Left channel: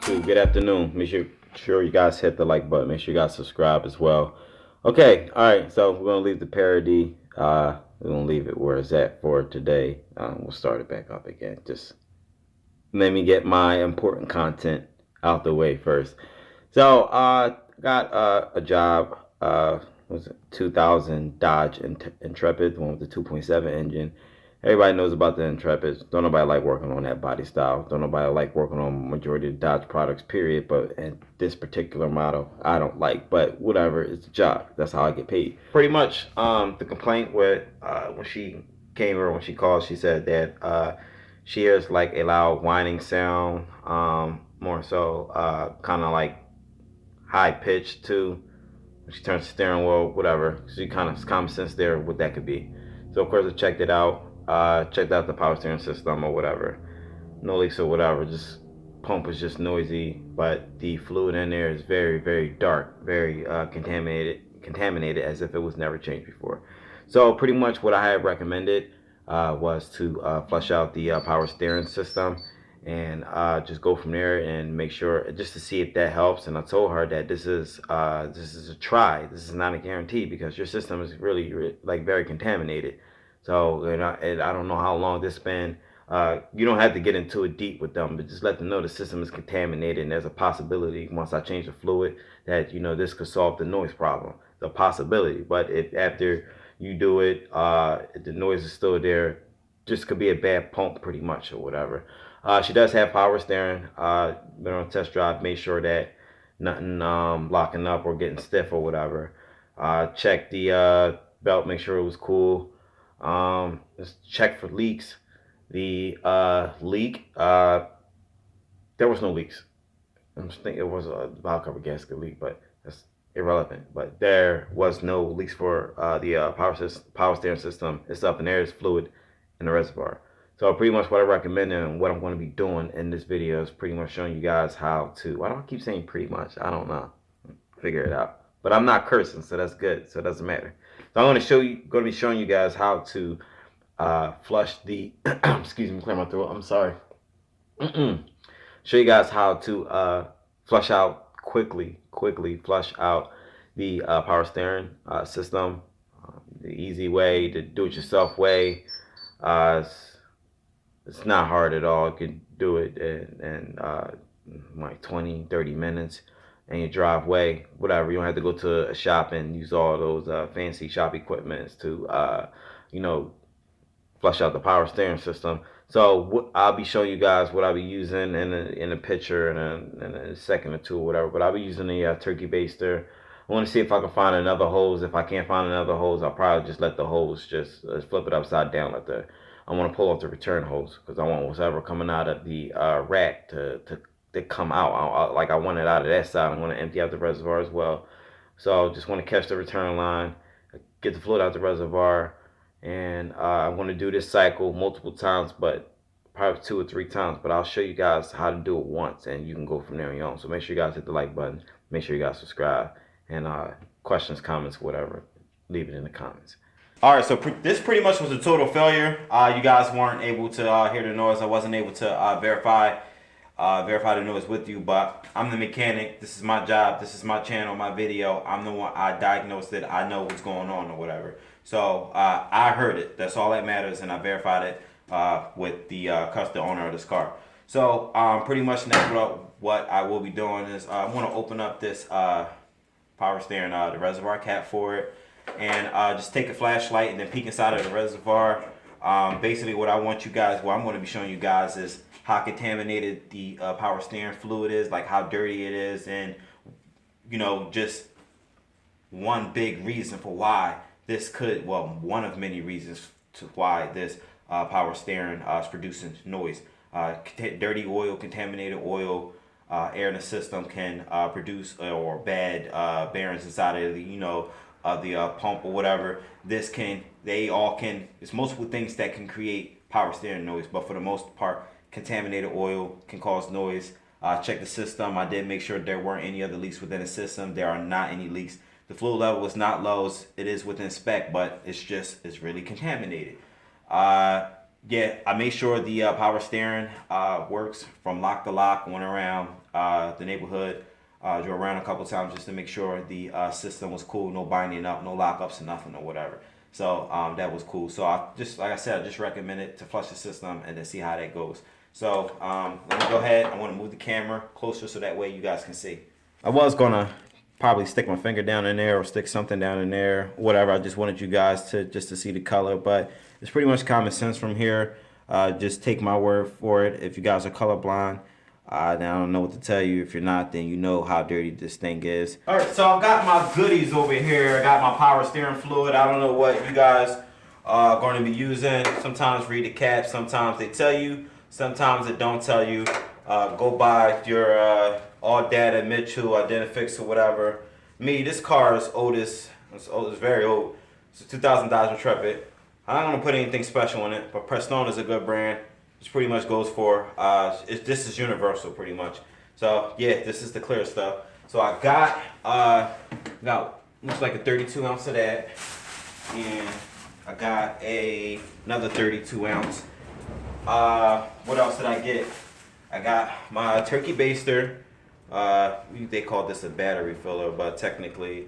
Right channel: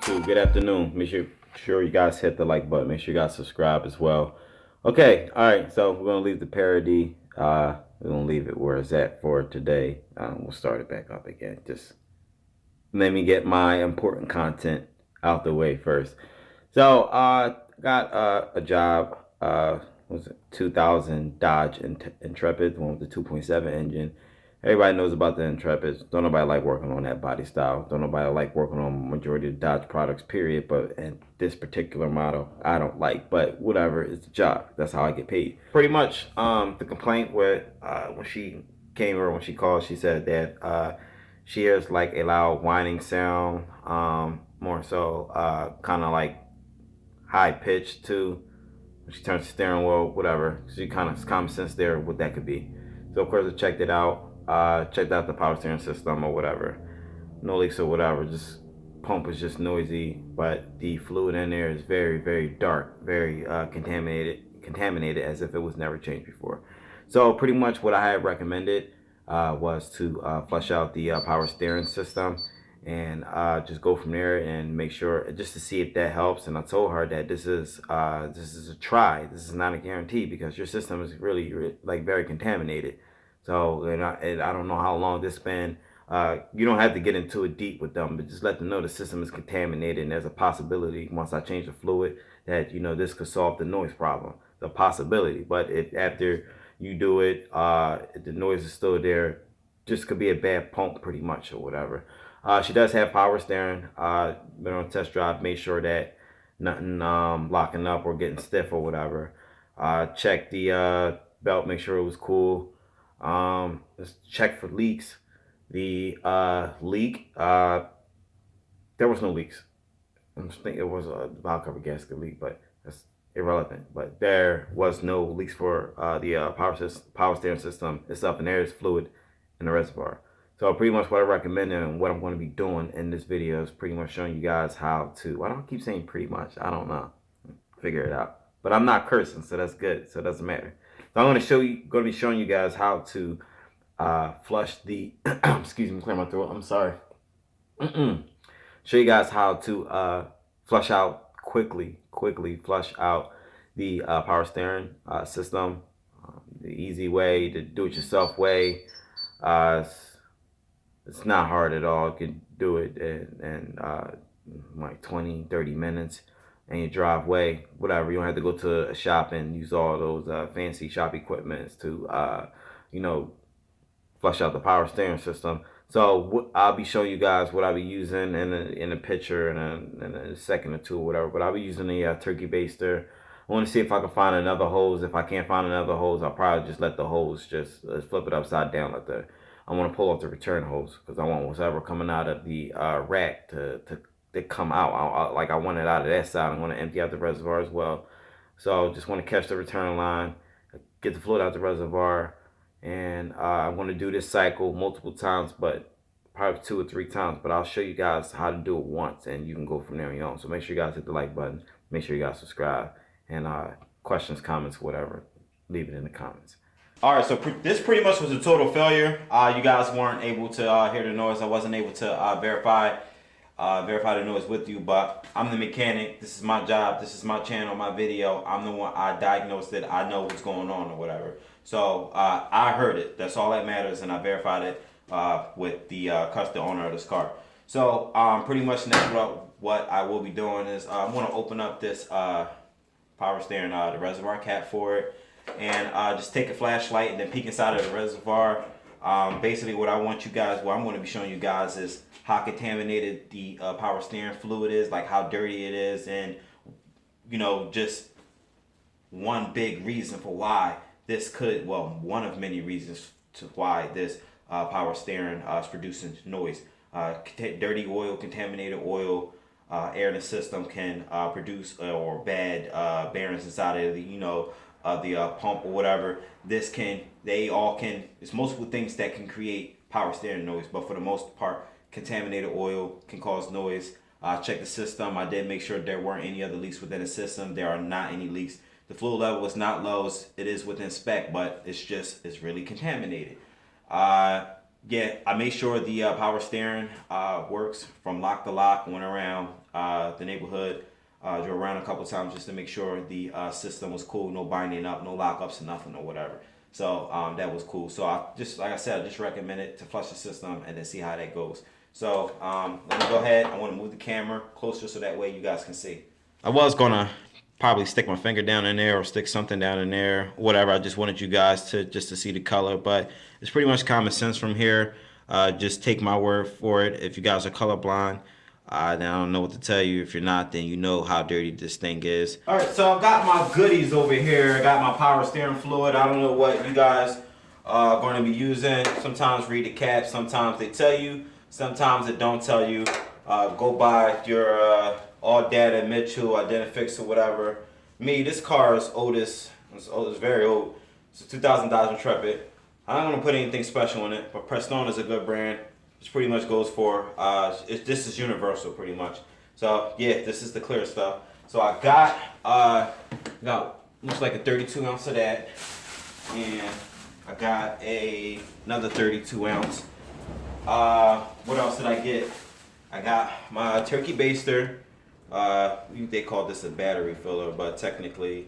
YouTube. Good afternoon. Make sure you guys hit the like button. Make sure you guys subscribe as well. Okay, all right. So we're gonna leave the parody. We're gonna leave it where it's at for today. We'll start it back up again. Just let me get my important content out the way first. So got a job. Was it 2000 Dodge Intrepid, the one with the 2.7 engine. Everybody knows about the Intrepids. Don't nobody like working on that body style. Don't nobody like working on majority of Dodge products, period. But and this particular model, I don't like. But whatever, it's a job. That's how I get paid. Pretty much, the complaint with when she came or when she called, she said that she hears like a loud whining sound, more so kind of like high pitched too. When she turns the steering wheel, whatever. She kind of common sense there what that could be. So of course I checked it out. Checked out the power steering system or whatever. No leaks or whatever. Just pump is just noisy, but the fluid in there is very, very dark, very contaminated as if it was never changed before. So pretty much what I had recommended was to flush out the power steering system and just go from there and make sure just to see if that helps. And I told her that this is a try. This is not a guarantee because your system is really like very contaminated. So and I don't know how long this been. You don't have to get into it deep with them, but just let them know the system is contaminated and there's a possibility once I change the fluid that this could solve the noise problem. The possibility, but if after you do it, the noise is still there, just could be a bad pump pretty much or whatever. She does have power steering. Been on a test drive, made sure that nothing locking up or getting stiff or whatever. Check the belt, make sure it was cool. Let's check for leaks. The leak, there was no leaks. I just think it was a valve cover gasket leak, but that's irrelevant. But there was no leaks for the power steering system itself, and there is fluid in the reservoir. So pretty much what I recommend and what I'm going to be doing in this video is pretty much showing you guys how to. Why do I keep saying pretty much? I don't know. Figure it out. But I'm not cursing, so that's good. So it doesn't matter. So I'm going to be showing you guys how to flush the. Excuse me, clear my throat. I'm sorry. Show you guys how to flush out quickly flush out the power steering system. The easy way, the do-it-yourself way. It's not hard at all. You can do it in like 20-30 minutes in your driveway, whatever. You don't have to go to a shop and use all those fancy shop equipments to flush out the power steering system. So I'll be showing you guys what I'll be using in a picture in a second or two or whatever. But I'll be using a turkey baster. I want to see if I can find another hose. If I can't find another hose, I'll probably just let the hose just flip it upside down. I want to pull off the return hose because I want whatever coming out of the rack to come out. I want it out of that side. I'm going to empty out the reservoir as well. So just want to catch the return line, get the fluid out the reservoir. And I'm going to do this cycle multiple times, but probably 2 or 3 times. But I'll show you guys how to do it once, and you can go from there on your own. So make sure you guys hit the like button. Make sure you guys subscribe. And questions, comments, whatever, leave it in the comments. All right, so this pretty much was a total failure. You guys weren't able to hear the noise. I wasn't able to verify the noise with you, but I'm the mechanic. This is my job. This is my channel, my video. I'm the one. I diagnosed it. I know what's going on or whatever. So I heard it. That's all that matters, and I verified it with the customer owner of this car. So pretty much next what I will be doing is I'm going to open up this power steering, the reservoir cap for it, and just take a flashlight and then peek inside of the reservoir. Basically, what I'm going to be showing you guys is how contaminated the power steering fluid is, like how dirty it is, and just one big reason for why one of many reasons to why this power steering is producing noise. Dirty oil, contaminated oil, air in the system can produce or bad bearings inside of the pump or whatever. It's multiple things that can create power steering noise, but for the most part, contaminated oil can cause noise. Check the system. I did make sure there weren't any other leaks within the system. There are not any leaks. The fluid level is not low. It is within spec, but it's really contaminated. Yeah, I made sure the power steering works from lock to lock. Went around the neighborhood, drove around a couple times just to make sure the system was cool. No binding up, no lockups, nothing or whatever. So that was cool. So I just, like I said, I just recommend it to flush the system and then see how that goes. So let me go ahead. I want to move the camera closer so that way you guys can see. I was gonna probably stick my finger down in there or stick something down in there, whatever. I just wanted you guys to just to see the color, but it's pretty much common sense from here. Just take my word for it. If you guys are colorblind, then I don't know what to tell you. If you're not, then you know how dirty this thing is. All right, so I've got my goodies over here. I got my power steering fluid. I don't know what you guys are going to be using. Sometimes read the cap. Sometimes they tell you. Sometimes they don't tell you. Go by your all data Mitchell, Identifix or whatever. Me, this car is oldest. It's very old. It's a 2000 Dodge Intrepid. I'm not gonna put anything special in it, but Prestone is a good brand. Which pretty much goes for this is universal pretty much. So yeah, this is the clear stuff. So I got looks like a 32 ounce of that, and I got another 32 ounce. What else did I get? I got my turkey baster. They call this a battery filler, but technically,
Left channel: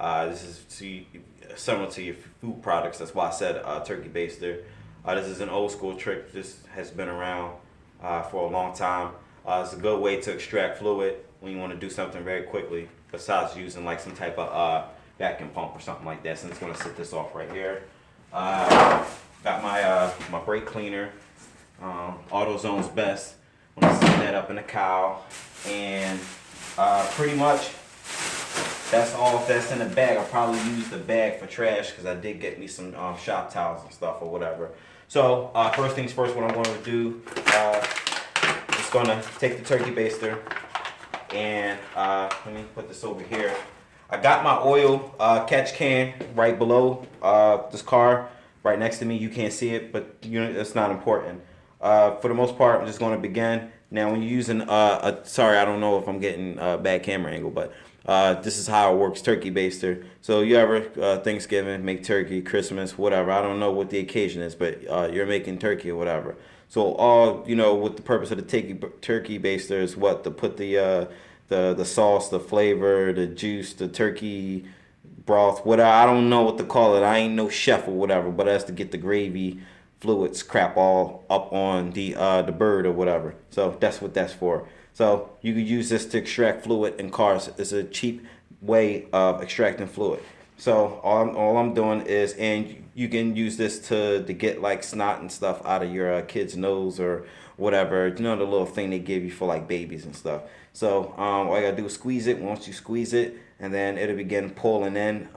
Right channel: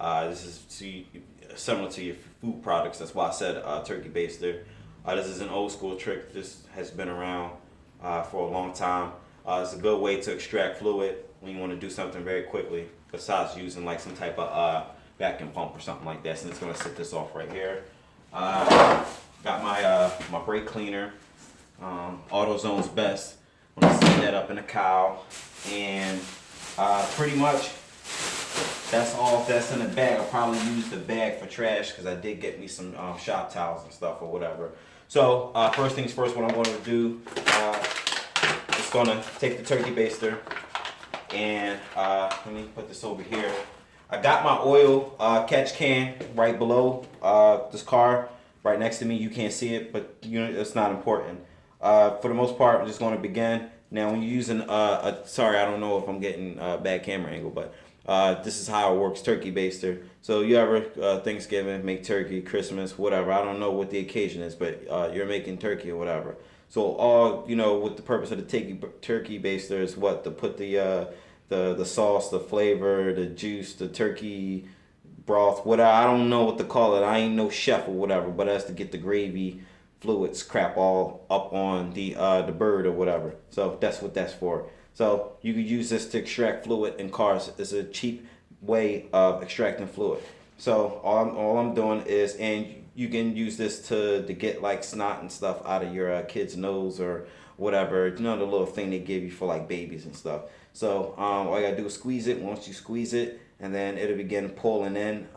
this is similar to your food products. That's why I said turkey baster. This is an old school trick. This has been around for a long time. It's a good way to extract fluid when you want to do something very quickly, besides using like some type of vacuum pump or something like that. So I'm just gonna set this off right here. Got my brake cleaner, AutoZone's Best. I'm gonna set that up in a cowl, and pretty much that's all that's in the bag. I'll probably use the bag for trash because I did get me some shop towels and stuff or whatever. So first things first, what I'm going to do is going to take the turkey baster and let me put this over here. I got my oil catch can right below this car, right next to me. You can't see it, but it's not important. For the most part, I'm just going to begin. Now, when you're using sorry, I don't know if I'm getting a bad camera angle, but this is how it works, turkey baster. So you ever Thanksgiving, make turkey, Christmas, whatever. I don't know what the occasion is, but you're making turkey or whatever. So all, what the purpose of the turkey baster is what? To put the sauce, the flavor, the juice, the turkey broth, whatever. I don't know what to call it. I ain't no chef or whatever, but that's to get the gravy fluids crap all up on the bird or whatever. So that's what that's for. So you could use this to extract fluid in cars. It's a cheap way of extracting fluid. So all I'm doing is, and you can use this to get like snot and stuff out of your kid's nose or whatever. The little thing they give you for like babies and stuff. So all you gotta do is squeeze it. Once you squeeze it, and then it'll begin pulling in,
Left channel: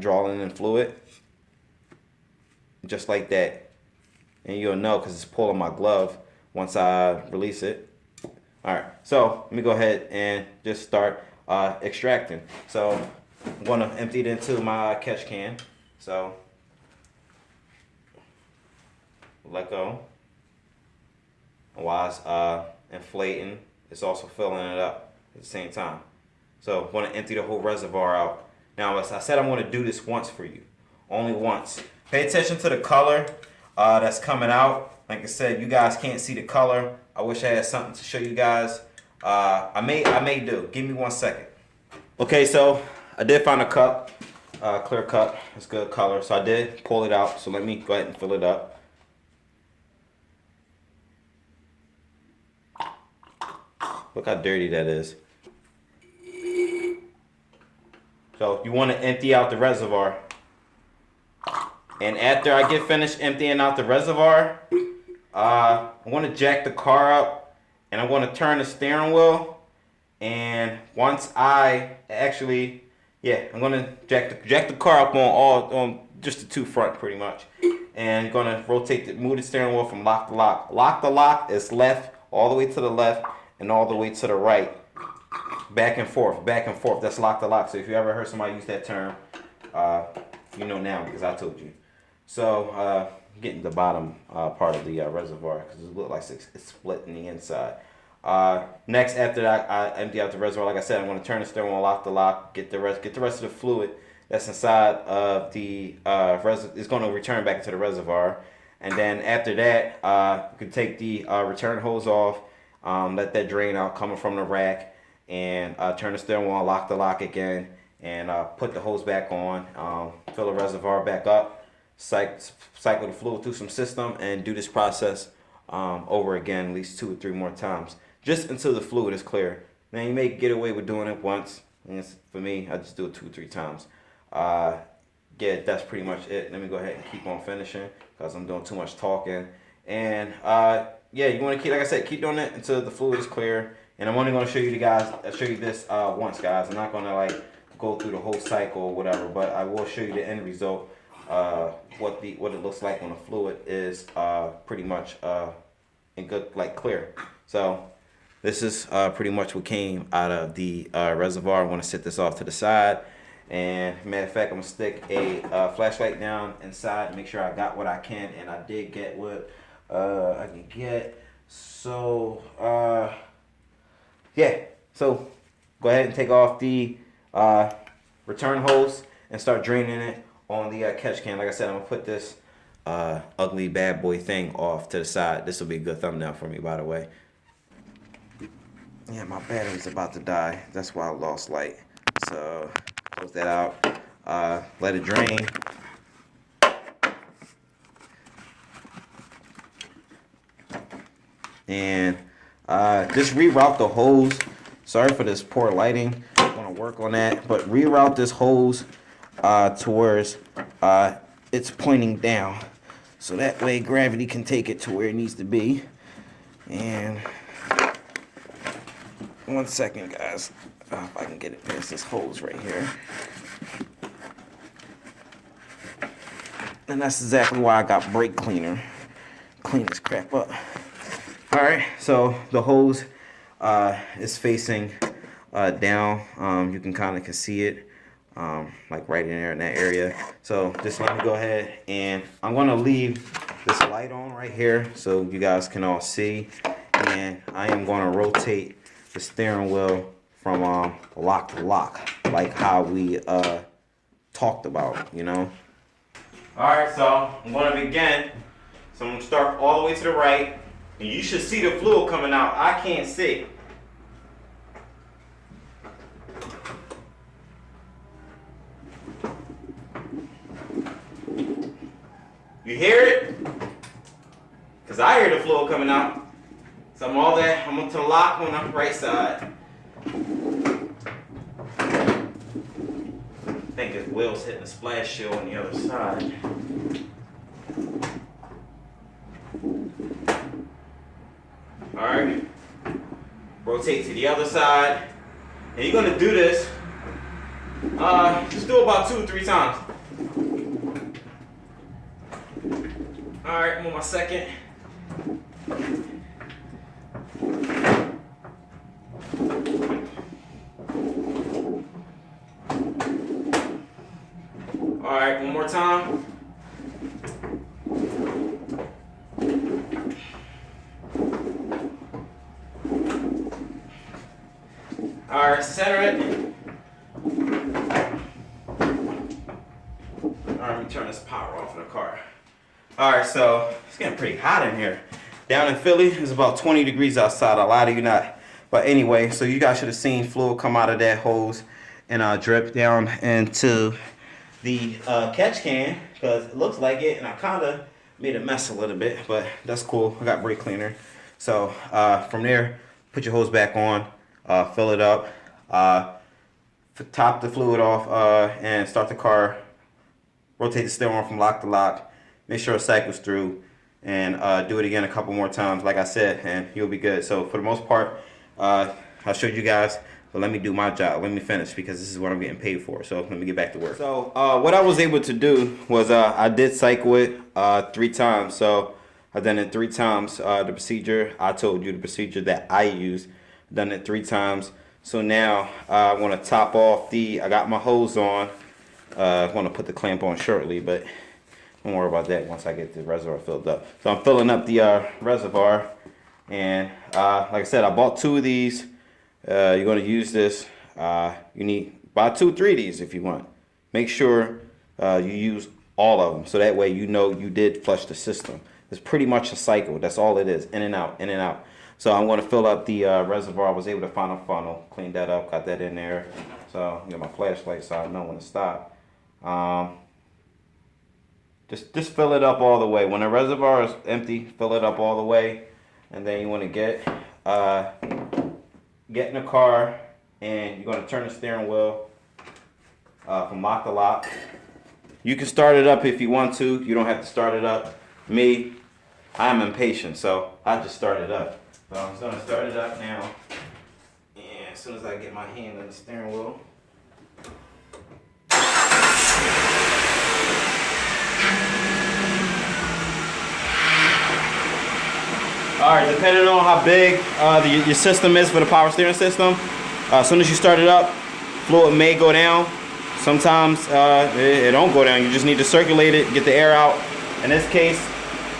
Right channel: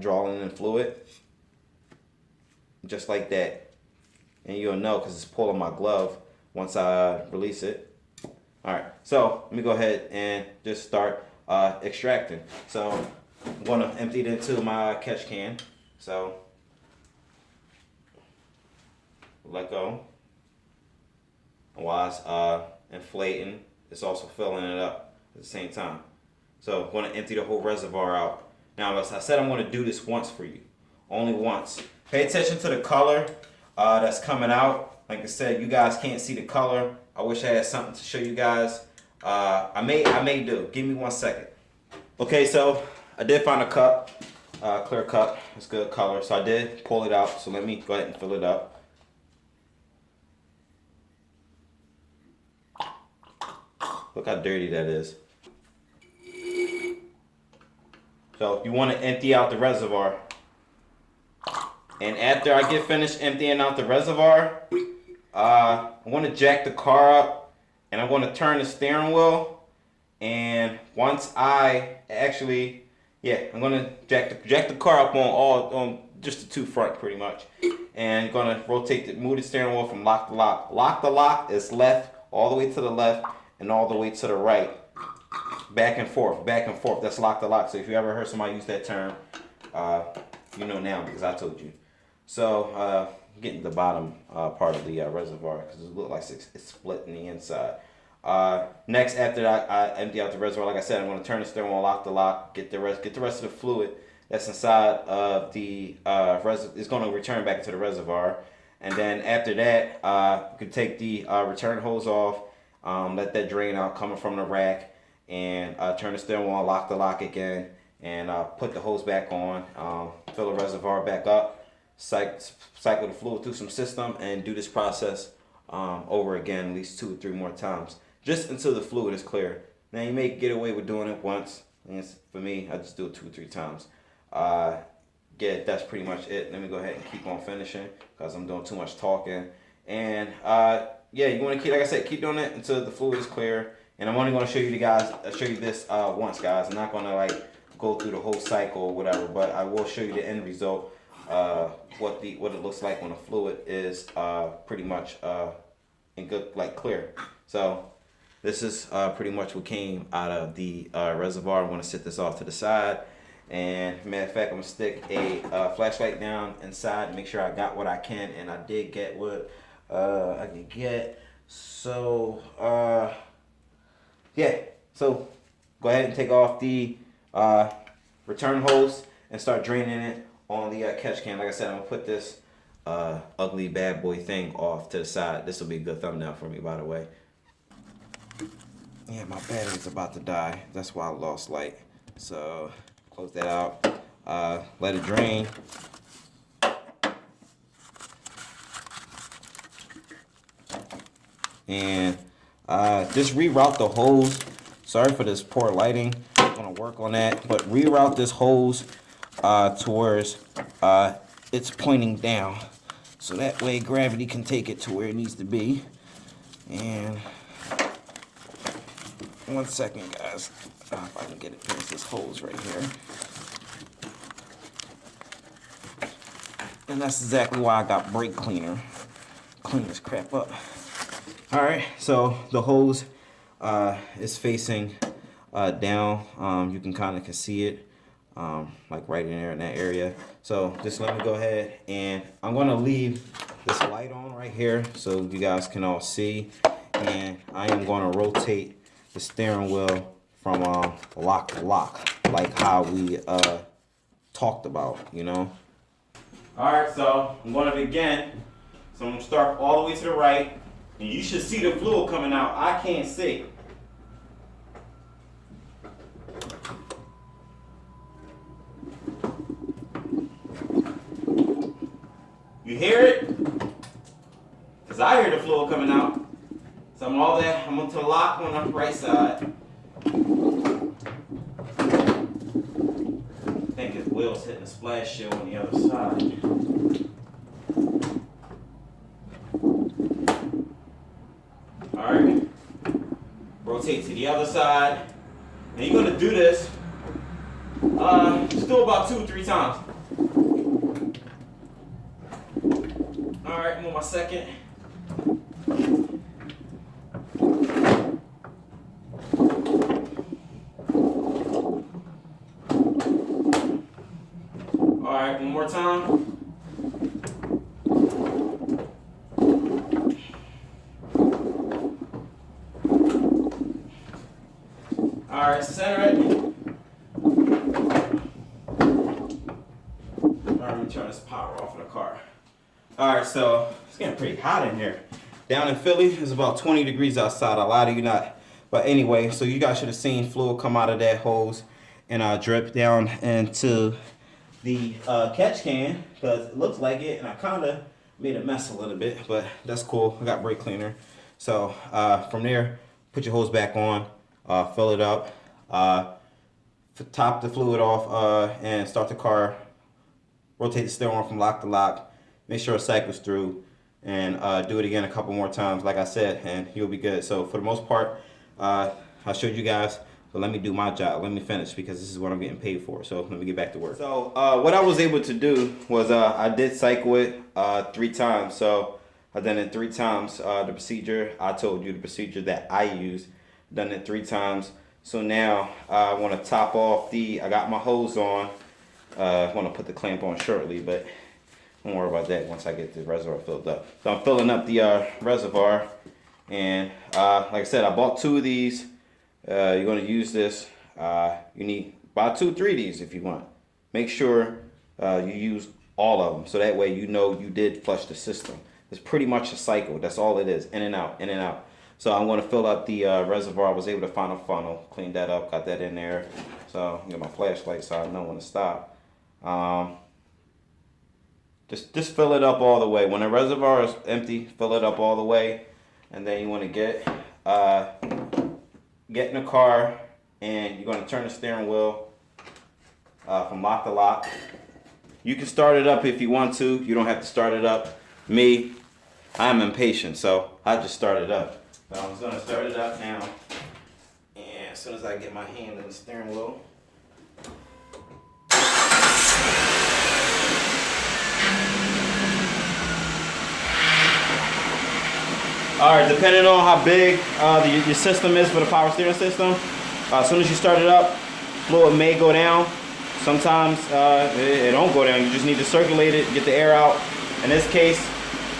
drawing in fluid, just like that. And you'll know because it's pulling my glove once I release it. All right, so let me go ahead and just start extracting. So I'm going to empty it into my catch can. So let go. While it's inflating, it's also filling it up at the same time. So I'm going to empty the whole reservoir out. Now, as I said, I'm going to do this once for you, only once. Pay attention to the color that's coming out. Like I said, you guys can't see the color. I wish I had something to show you guys. I may do. Give me 1 second. Okay, so I did find a cup, clear cup. It's good color. So I did pull it out. So let me go ahead and fill it up. Look how dirty that is. So you want to empty out the reservoir. And after I get finished emptying out the reservoir, I want to jack the car up, and I'm going to turn the steering wheel. And once I actually, I'm going to jack the car up on just the two front pretty much, and going to move the steering wheel from lock to lock. Lock to lock is left, all the way to the left, and all the way to the right, back and forth, back and forth. That's lock to lock. So if you ever heard somebody use that term, you know now because I told you. So getting the bottom part of the reservoir because it looks like it's split in the inside. Next, after that, I empty out the reservoir. Like I said, I'm going to turn the steering wheel lock to lock, get the rest of the fluid that's inside of the reservoir. It's going to return back into the reservoir. And then after that, you can take the return hose off, let that drain out coming from the rack, and turn the steering wheel, lock the lock again, and put the hose back on, fill the reservoir back up, cycle the fluid through some system, and do this process over again at least 2 or 3 more times, just until the fluid is clear. Now you may get away with doing it once, and for me, I just do it 2 or 3 times. Yeah, that's pretty much it. Let me go ahead and keep on finishing because I'm doing too much talking. And yeah, you want to keep, like I said, keep doing it until the fluid is clear. And I'm only going to show you this once, guys. I'm not going to like go through the whole cycle or whatever, but I will show you the end result, what it looks like when the fluid is pretty much in good, like clear. So this is pretty much what came out of the reservoir. I'm going to set this off to the side. And matter of fact, I'm gonna stick a flashlight down inside, make sure I got what I can, and I did get what I can get. So yeah, so go ahead and take off the return hose and start draining it on the catch can. Like I said, I'm gonna put this ugly bad boy thing off to the side. This will be a good thumbnail for me, by the way. Yeah, my battery's about to die. That's why I lost light. So close that out, let it drain. And just reroute the hose. Sorry for this poor lighting. I'm gonna work on that, but reroute this hose towards it's pointing down, so that way gravity can take it to where it needs to be. And 1 second, guys. If I can get it past this hose right here. And that's exactly why I got brake cleaner. Clean this crap up. Alright, so the hose is facing down. You can kind of see it, like right in there in that area. So just let me go ahead, and I'm going to leave this light on right here so you guys can all see. And I am going to rotate the steering wheel from lock to lock, like how we talked about, you know. Alright, so I'm going to begin. So I'm going to start all the way to the right. And you should see the fluid coming out. I can't see. You hear it? Because I hear the fluid coming out. So I'm going to lock on the right side. I think his wheel's hitting the splash shield on the other side. Alright. Rotate to the other side. And you're going to do this. Just do it about 2 or 3 times. Alright, I'm on my second. Alright, one more time. Alright, center it. Alright, let me turn this power off in the car. Alright, so it's getting pretty hot in here. Down in Philly, it's about 20 degrees outside. A lot of you not. But anyway, so you guys should have seen fluid come out of that hose and drip down into the catch can, because it looks like it, and I kind of made a mess a little bit, but that's cool. I got brake cleaner. So from there, put your hose back on, fill it up, top the fluid off, and start the car. Rotate the steering wheel from lock to lock. Make sure it cycles through, and do it again a couple more times, like I said, and you'll be good. So for the most part, I showed you guys. But let me do my job. Let me finish, because this is what I'm getting paid for. So let me get back to work. So what I was able to do was I did cycle it 3 times. So I've done it 3 times. The procedure, I told you the procedure that I used. Done it 3 times. So now I want to top off I got my hose on. I want to put the clamp on shortly, but don't worry about that once I get the reservoir filled up. So I'm filling up the reservoir. And like I said, I bought 2 of these. You're going to use this. You need about 2 or 3 of these if you want. Make sure you use all of them, so that way you know you did flush the system. It's pretty much a cycle. That's all it is, in and out, in and out. So I'm going to fill up the reservoir. I was able to find a funnel, cleaned that up, got that in there. So get my flashlight so I know when to stop. Just fill it up all the way. When the reservoir is empty, fill it up all the way, and then you want to get in the car, and you're going to turn the steering wheel from lock to lock. You can start it up if you want to. You don't have to start it up. Me, I'm impatient, so I'll just start it up. So I'm just going to start it up now. And as soon as I get my hand in the steering wheel. Alright, depending on how big your system is for the power steering system, as soon as you start it up, fluid may go down. Sometimes it don't go down. You just need to circulate it, get the air out. In this case,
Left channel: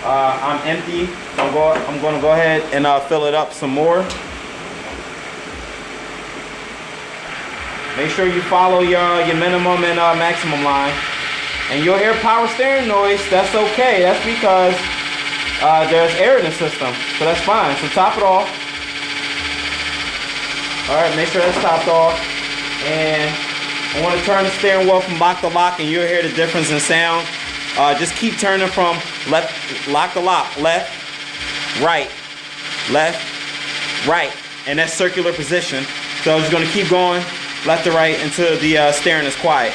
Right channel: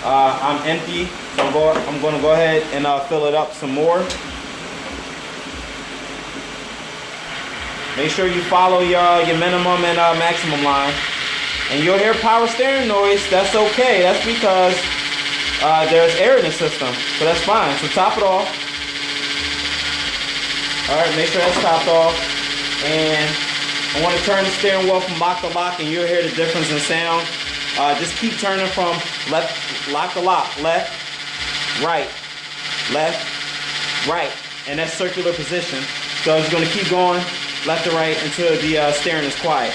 I'm empty, so I'm going to go ahead and fill it up some more. Make sure you follow your minimum and maximum line. And you'll hear power steering noise. That's okay. That's because there's air in the system, so that's fine. So top it off. All right, make sure that's topped off. And I want to turn the steering wheel from lock to lock, and you'll hear the difference in sound. Just keep turning from lock to lock, left, right, in that circular position. So I'm just going to keep going left to right until the steering is quiet.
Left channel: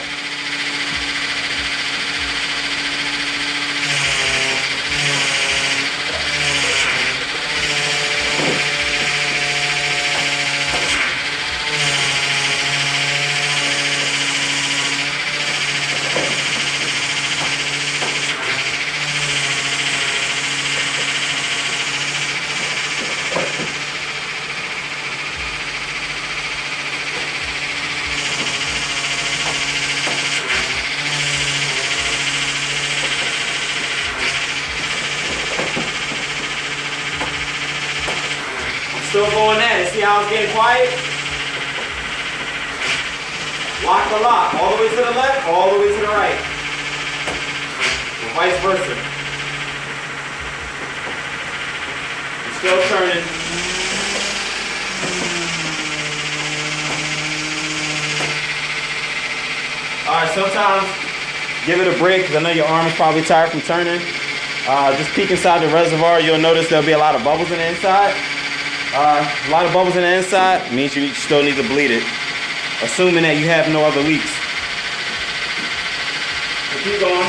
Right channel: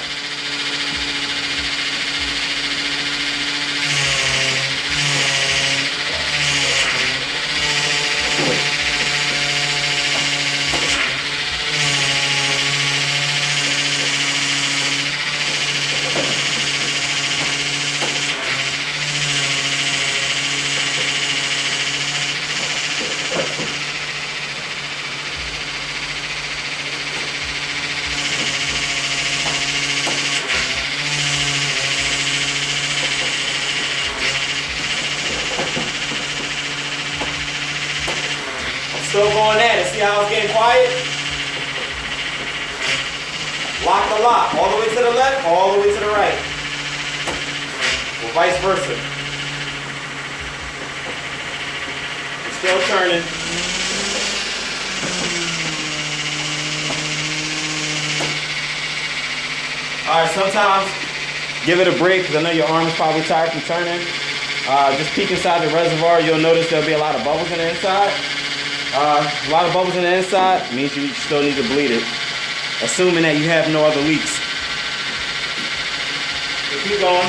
Still going at it. See how it's getting quiet? Lock to lock. All the way to the left, all the way to the right. Or vice versa. It's still turning. Alright, sometimes give it a break because I know your arm is probably tired from turning. Just peek inside the reservoir. You'll notice there'll be a lot of bubbles on the inside. A lot of bubbles on the inside means you still need to bleed it, assuming that you have no other leaks. So keep going.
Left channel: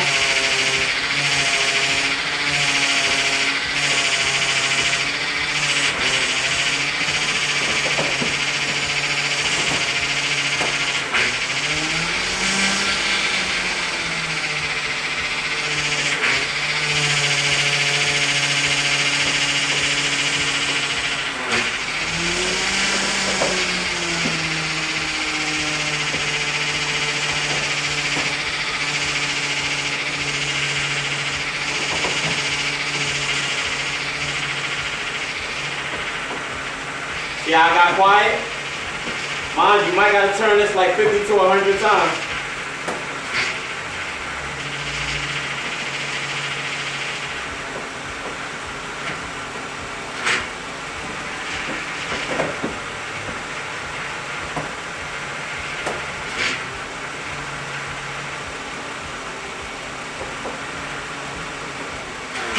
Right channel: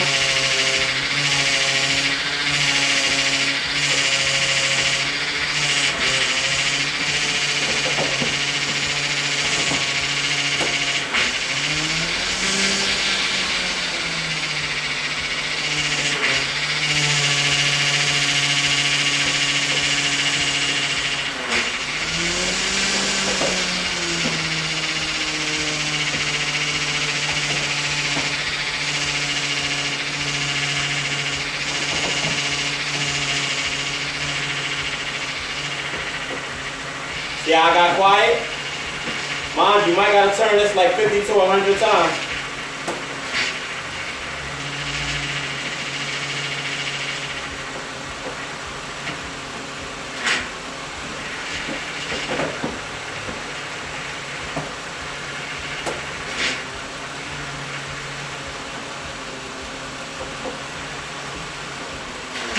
See how I got quiet? Mind you, might gotta turn this like 50 to 100 times.